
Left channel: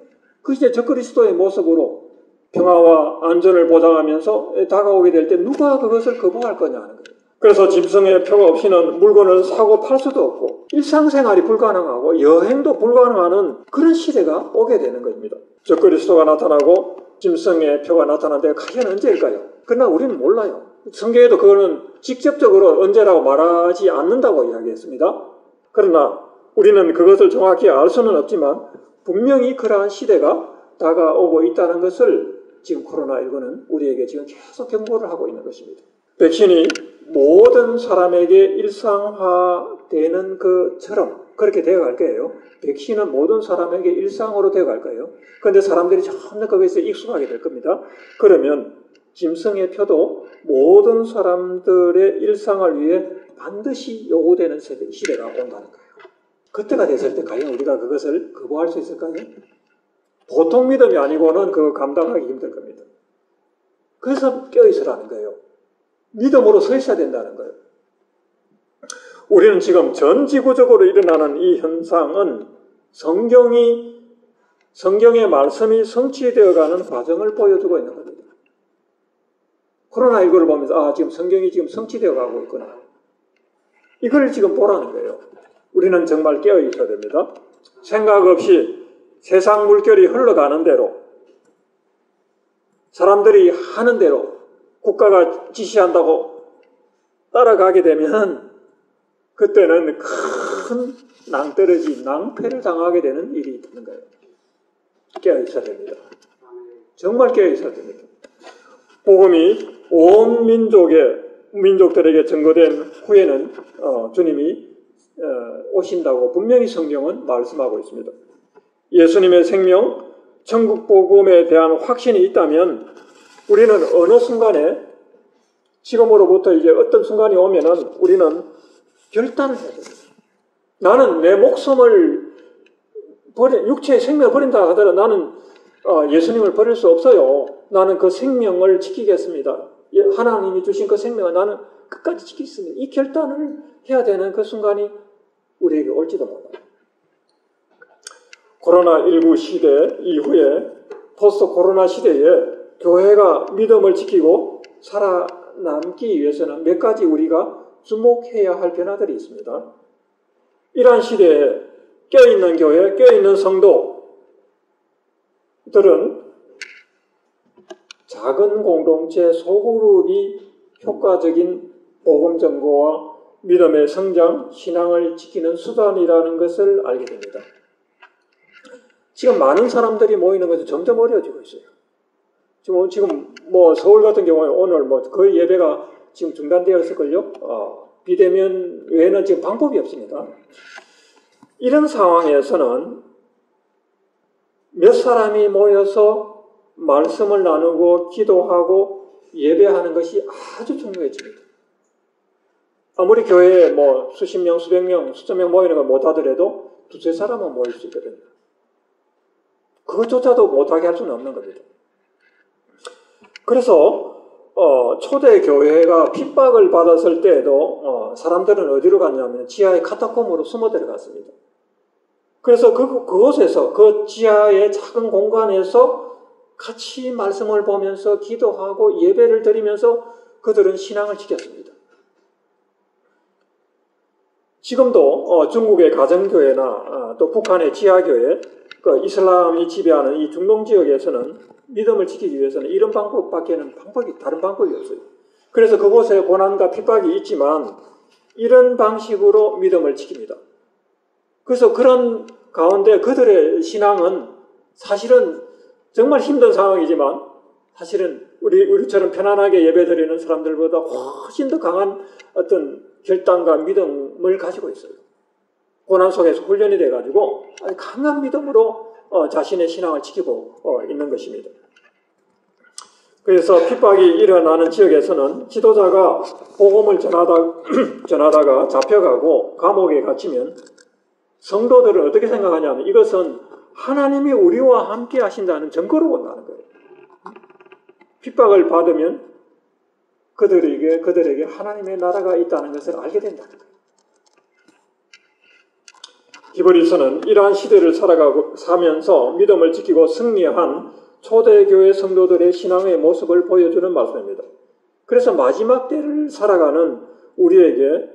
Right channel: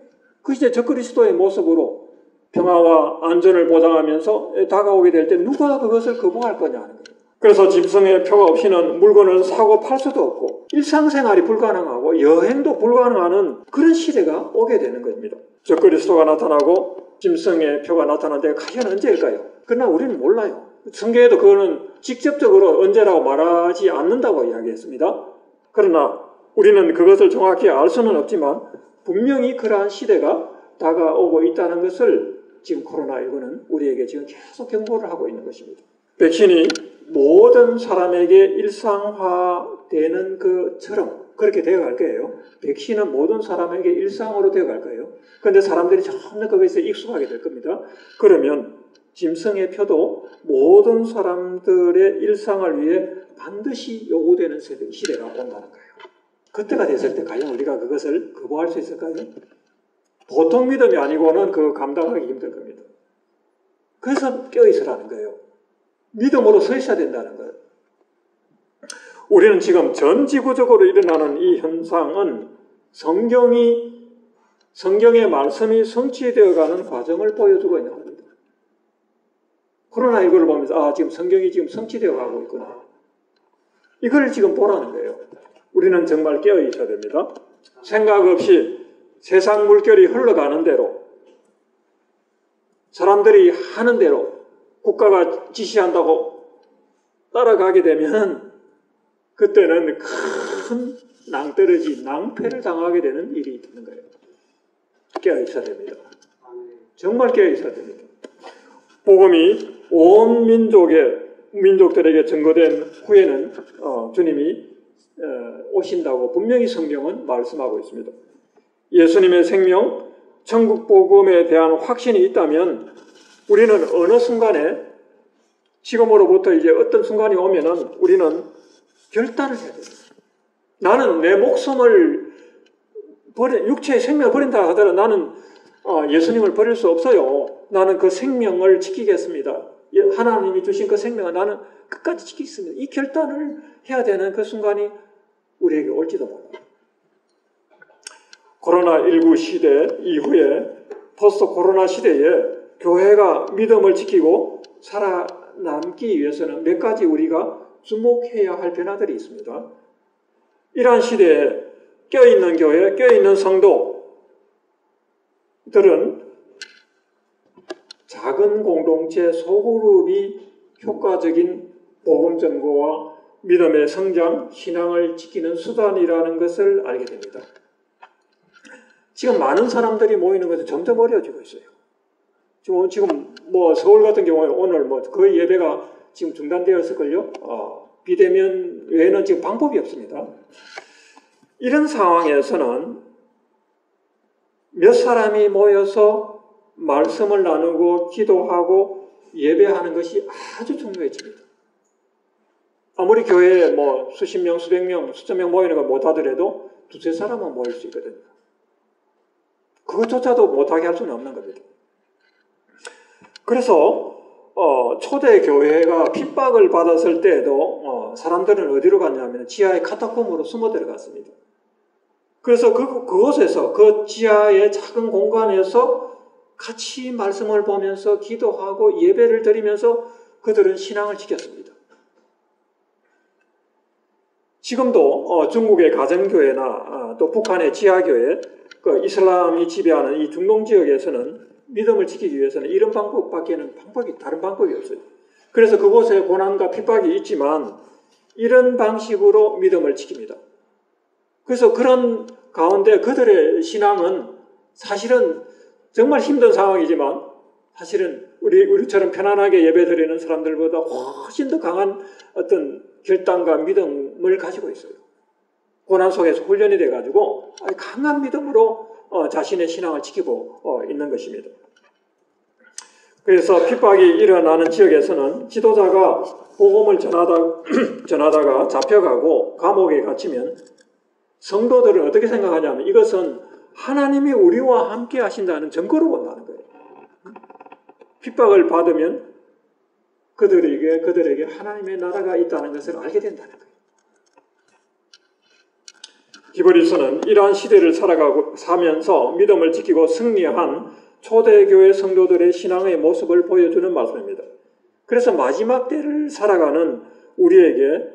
그것이 이제 적그리스도의 모습으로 평화와 안전을 보장하면서 다가오게 될 때 누가 그것을 거부할 거냐 하는 거예요. 그래서 짐승의 표가 없이는 물건을 사고 팔 수도 없고 일상생활이 불가능하고 여행도 불가능한 그런 시대가 오게 되는 겁니다. 적그리스도가 나타나고 짐승의 표가 나타난 데가 과연 언제일까요? 그러나 우리는 몰라요. 성경에도 그거는 직접적으로 언제라고 말하지 않는다고 이야기했습니다. 그러나 우리는 그것을 정확히 알 수는 없지만 분명히 그러한 시대가 다가오고 있다는 것을 지금 코로나19는 우리에게 지금 계속 경고를 하고 있는 것입니다. 백신이 모든 사람에게 일상화되는 것처럼 그렇게 되어갈 거예요. 백신은 모든 사람에게 일상으로 되어갈 거예요. 그런데 사람들이 점점 거기서 익숙하게 될 겁니다. 그러면 짐승의 표도 모든 사람들의 일상을 위해 반드시 요구되는 시대가 온다는 거예요. 그때가 됐을 때 과연 우리가 그것을 거부할 수 있을까요? 보통 믿음이 아니고는 그 감당하기 힘들 겁니다. 그래서 껴있으라는 거예요. 믿음으로 서 있어야 된다는 거예요. 우리는 지금 전 지구적으로 일어나는 이 현상은 성경의 말씀이 성취되어가는 과정을 보여주고 있는 겁니다. 코로나19를 보면서 지금 성경이 지금 성취되어 가고 있구나. 이걸 지금 보라는 거예요. 우리는 정말 깨어 있어야 됩니다. 생각 없이 세상 물결이 흘러가는 대로, 사람들이 하는 대로 국가가 지시한다고 따라가게 되면 그때는 큰 낭떠러지, 낭패를 당하게 되는 일이 있는 거예요. 깨어 있어야 됩니다. 정말 깨어 있어야 됩니다. 복음이 온 민족들에게 증거된 후에는 주님이 오신다고 분명히 성경은 말씀하고 있습니다. 예수님의 생명, 천국 복음에 대한 확신이 있다면 우리는 어느 순간에 지금으로부터 이제 어떤 순간이 오면은 우리는 결단을 해야 됩니다. 나는 내 목숨을 육체의 생명을 버린다 하더라도 나는 예수님을 버릴 수 없어요. 나는 그 생명을 지키겠습니다. 하나님이 주신 그 생명을 나는 끝까지 지키겠습니다. 이 결단을 해야 되는 그 순간이 우리에게 올지도 몰라요. 코로나19 시대 이후에 포스트 코로나 시대에 교회가 믿음을 지키고 살아남기 위해서는 몇 가지 우리가 주목해야 할 변화들이 있습니다. 이러한 시대에 껴있는 교회, 껴있는 성도들은 작은 공동체 소그룹이 효과적인 복음 전거와 믿음의 성장, 신앙을 지키는 수단이라는 것을 알게 됩니다. 지금 많은 사람들이 모이는 것은 점점 어려워지고 있어요. 지금 서울 같은 경우에 오늘 거의 예배가 지금 중단되었을걸요. 비대면 외에는 지금 방법이 없습니다. 이런 상황에서는 몇 사람이 모여서 말씀을 나누고 기도하고 예배하는 것이 아주 중요해집니다. 아무리 교회에 수십 명, 수백 명, 수천 명 모이는 걸 못하더라도 두세 사람은 모일 수 있거든요. 그것조차도 못하게 할 수는 없는 겁니다. 그래서 초대 교회가 핍박을 받았을 때에도 사람들은 어디로 갔냐면 지하의 카타콤으로 숨어 들어갔습니다. 그래서 그곳에서 그 지하의 작은 공간에서 같이 말씀을 보면서 기도하고 예배를 드리면서 그들은 신앙을 지켰습니다. 지금도 중국의 가정교회나 또 북한의 지하교회, 이슬람이 지배하는 이 중동 지역에서는 믿음을 지키기 위해서는 이런 방법밖에는 다른 방법이 없어요. 그래서 그곳에 고난과 핍박이 있지만 이런 방식으로 믿음을 지킵니다. 그래서 그런 가운데 그들의 신앙은 사실은 정말 힘든 상황이지만 사실은 우리처럼 편안하게 예배드리는 사람들보다 훨씬 더 강한 어떤 결단과 믿음을 가지고 있어요. 고난 속에서 훈련이 돼가지고 강한 믿음으로 자신의 신앙을 지키고 있는 것입니다. 그래서 핍박이 일어나는 지역에서는 지도자가 복음을 전하다가 잡혀가고 감옥에 갇히면 성도들은 어떻게 생각하냐면 이것은 하나님이 우리와 함께 하신다는 증거로 본다는 거예요. 핍박을 받으면 그들에게 하나님의 나라가 있다는 것을 알게 된다는 거예요. 히브리서는 이러한 시대를 살면서 믿음을 지키고 승리한 초대교회 성도들의 신앙의 모습을 보여주는 말씀입니다. 그래서 마지막 때를 살아가는 우리에게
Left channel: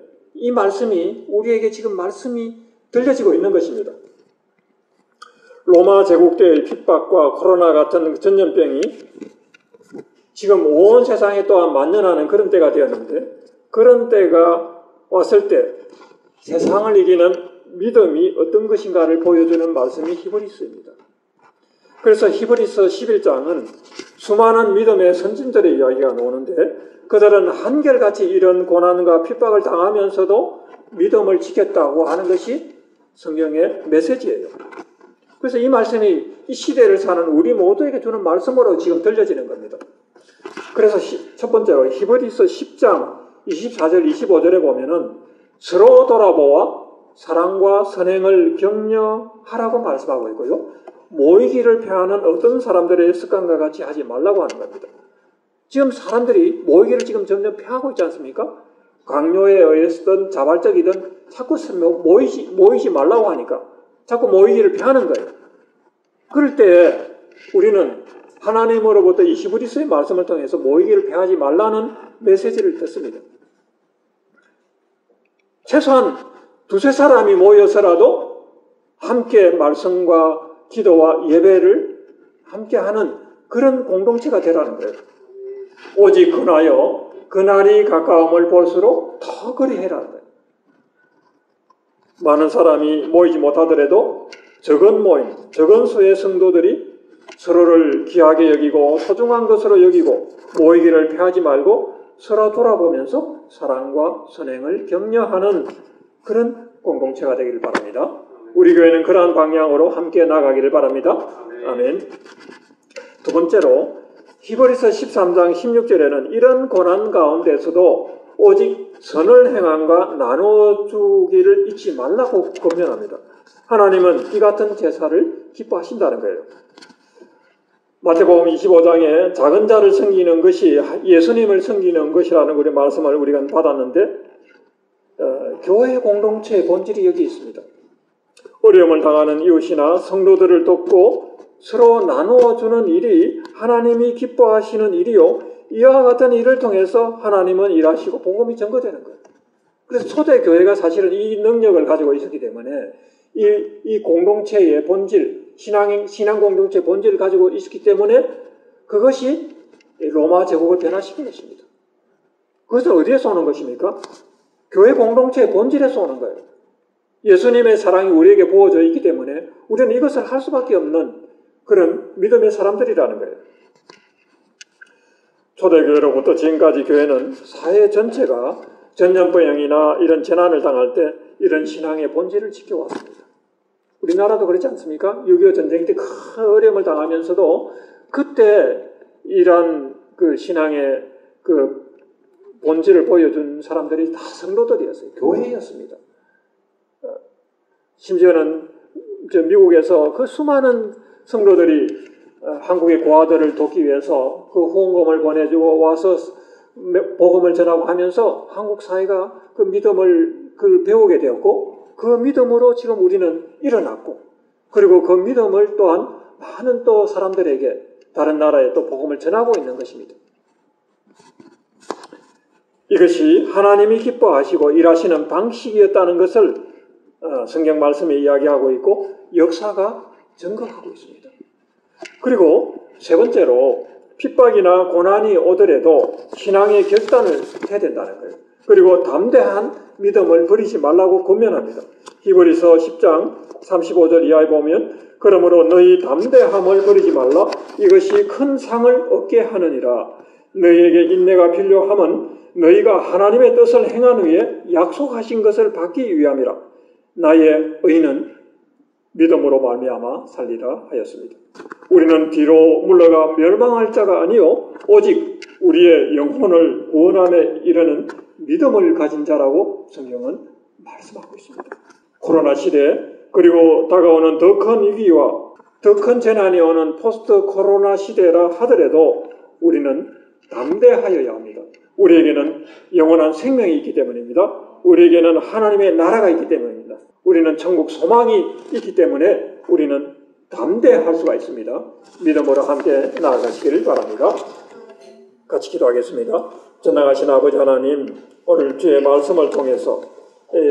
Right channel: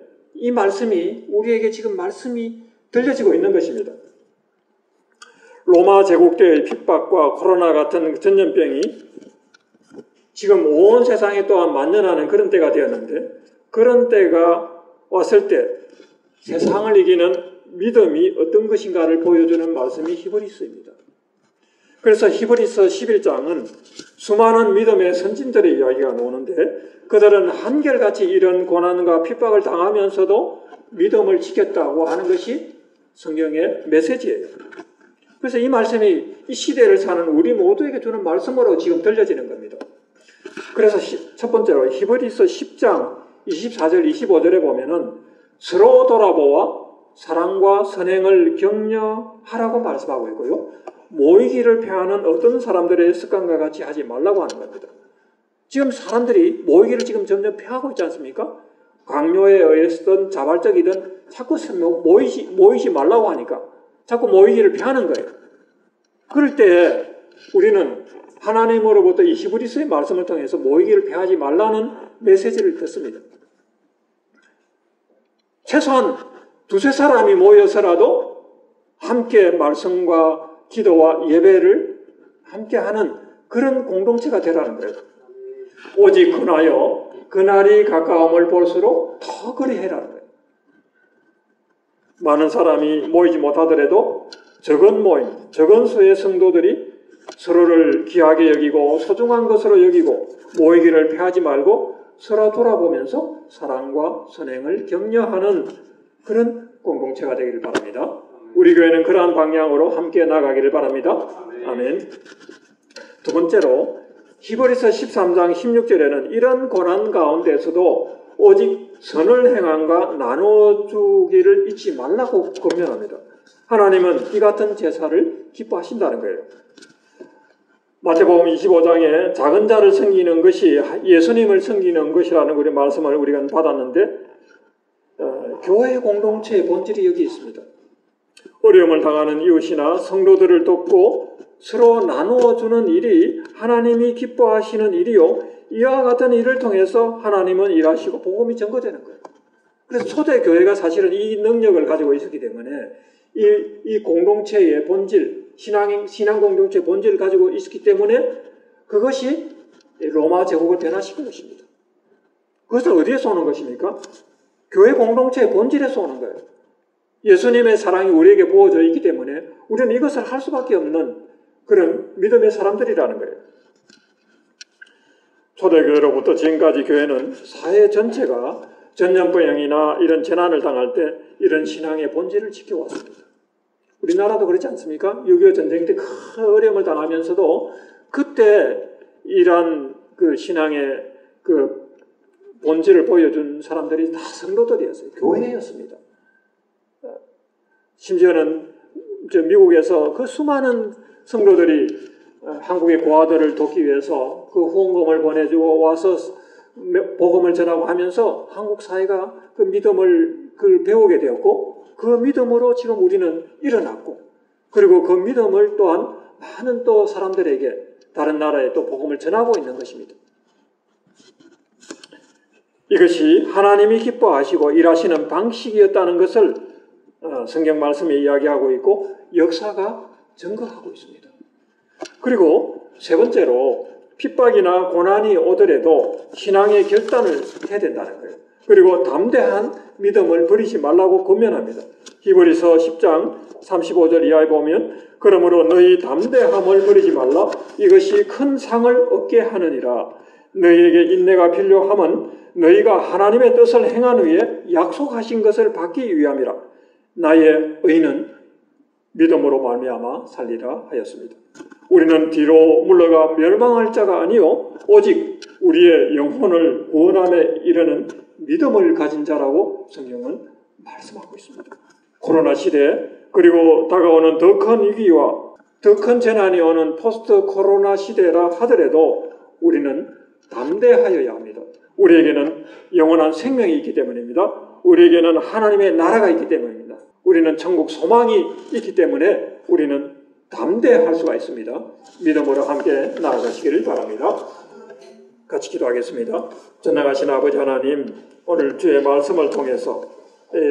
우리에게 지금 말씀이 들려지고 있는 것입니다. 로마 제국 때의 핍박과 코로나 같은 전염병이 지금 온 세상에 또한 만연하는 그런 때가 되었는데, 그런 때가 왔을 때 세상을 이기는 믿음이 어떤 것인가를 보여주는 말씀이 히브리서입니다. 그래서 히브리서 11장은 수많은 믿음의 선진들의 이야기가 나오는데, 그들은 한결같이 이런 고난과 핍박을 당하면서도 믿음을 지켰다고 하는 것이 성경의 메시지예요. 그래서 이 말씀이 이 시대를 사는 우리 모두에게 주는 말씀으로 지금 들려지는 겁니다. 그래서 첫 번째로 히브리서 10장 24절 25절에 보면은 서로 돌아보아 사랑과 선행을 격려하라고 말씀하고 있고요. 모이기를 폐하는 어떤 사람들의 습관과 같이 하지 말라고 하는 겁니다. 지금 사람들이 모이기를 지금 점점 폐하고 있지 않습니까? 강요에 의해서든 자발적이든 자꾸 모이지 말라고 하니까 자꾸 모이기를 폐하는 거예요. 그럴 때 우리는 하나님으로부터 이 히브리서의 말씀을 통해서 모이기를 폐하지 말라는 메시지를 듣습니다. 최소한 두세 사람이 모여서라도 함께 말씀과 기도와 예배를 함께 하는 그런 공동체가 되라는 거예요. 오직 그나여 그날이 가까움을 볼수록 더 그리해라는 거예요. 많은 사람이 모이지 못하더라도 적은 모임, 적은 수의 성도들이 서로를 귀하게 여기고 소중한 것으로 여기고 모이기를 폐하지 말고 서로 돌아보면서 사랑과 선행을 격려하는 그런 공동체가 되기를 바랍니다. 우리 교회는 그러한 방향으로 함께 나가기를 바랍니다. 아멘. 두 번째로 히브리서 13장 16절에는 이런 고난 가운데서도 오직 선을 행함과 나눠주기를 잊지 말라고 권면합니다. 하나님은 이 같은 제사를 기뻐하신다는 거예요. 마태복음 25장에 작은 자를 섬기는 것이 예수님을 섬기는 것이라는 우리 말씀을 우리가 받았는데 교회 공동체의 본질이 여기 있습니다. 어려움을 당하는 이웃이나 성도들을 돕고 서로 나누어 주는 일이 하나님이 기뻐하시는 일이요, 이와 같은 일을 통해서 하나님은 일하시고 복음이 전거되는 거예요. 그래서 초대교회가 사실은 이 능력을 가지고 있었기 때문에 이 공동체의 본질, 신앙 공동체의 본질을 가지고 있었기 때문에 그것이 로마 제국을 변화시킨 것입니다. 그것은 어디에서 오는 것입니까? 교회 공동체의 본질에서 오는 거예요. 예수님의 사랑이 우리에게 부어져 있기 때문에 우리는 이것을 할 수밖에 없는 그런 믿음의 사람들이라는 거예요. 초대교회로부터 지금까지 교회는 사회 전체가 전염병이나 이런 재난을 당할 때 이런 신앙의 본질을 지켜왔습니다. 우리나라도 그렇지 않습니까? 6.25 전쟁 때 큰 어려움을 당하면서도 그때 이러한 그 신앙의 그 본질을 보여준 사람들이 다 성도들이었어요. 교회였습니다. 심지어는 미국에서 그 수많은 성도들이 한국의 고아들을 돕기 위해서 그 후원금을 보내주고 와서 복음을 전하고 하면서 한국 사회가 그 믿음을 배우게 되었고, 그 믿음으로 지금 우리는 일어났고, 그리고 그 믿음을 또한 많은 또 사람들에게 다른 나라에 또 복음을 전하고 있는 것입니다. 이것이 하나님이 기뻐하시고 일하시는 방식이었다는 것을 성경 말씀에 이야기하고 있고 역사가 증거하고 있습니다. 그리고 세 번째로 핍박이나 고난이 오더라도 신앙의 결단을 해야 된다는 거예요. 그리고 담대한 믿음을 버리지 말라고 권면합니다. 히브리서 10장 35절 이하에 보면 그러므로 너희 담대함을 버리지 말라. 이것이 큰 상을 얻게 하느니라. 너희에게 인내가 필요함은 너희가 하나님의 뜻을 행한 후에 약속하신 것을 받기 위함이라. 나의 의는 믿음으로 말미암아 살리라 하였습니다. 우리는 뒤로 물러가 멸망할 자가 아니요 오직 우리의 영혼을 구원함에 이르는 믿음을 가진 자라고 성경은 말씀하고 있습니다. 코로나 시대 그리고 다가오는 더 큰 위기와 더 큰 재난이 오는 포스트 코로나 시대라 하더라도 우리는 담대하여야 합니다. 우리에게는 영원한 생명이 있기 때문입니다. 우리에게는 하나님의 나라가 있기 때문입니다. 우리는 천국 소망이 있기 때문에 우리는 담대할 수가 있습니다. 믿음으로 함께 나아가시기를 바랍니다. 같이 기도하겠습니다. 전능하신 아버지 하나님, 오늘 주의 말씀을 통해서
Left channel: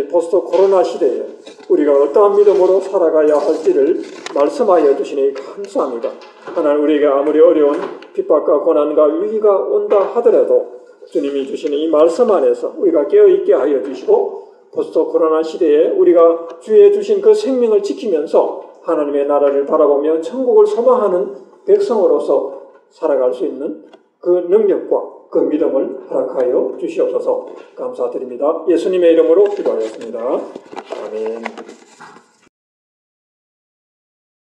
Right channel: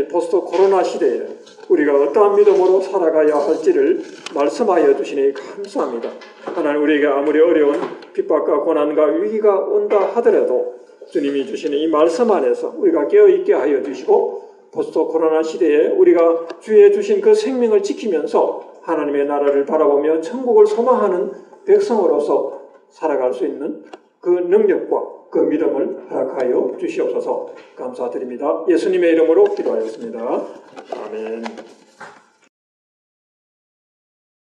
포스트 코로나 시대에 우리가 어떠한 믿음으로 살아가야 할지를 말씀하여 주시니 감사합니다. 하나님, 우리에게 아무리 어려운 핍박과 고난과 위기가 온다 하더라도 주님이 주시는 이 말씀 안에서 우리가 깨어있게 하여 주시고 포스트 코로나 시대에 우리가 주의 주신 그 생명을 지키면서 하나님의 나라를 바라보며 천국을 소망하는 백성으로서 살아갈 수 있는 그 능력과 그 믿음을 허락하여 주시옵소서. 감사드립니다. 예수님의 이름으로 기도하였습니다. 아멘.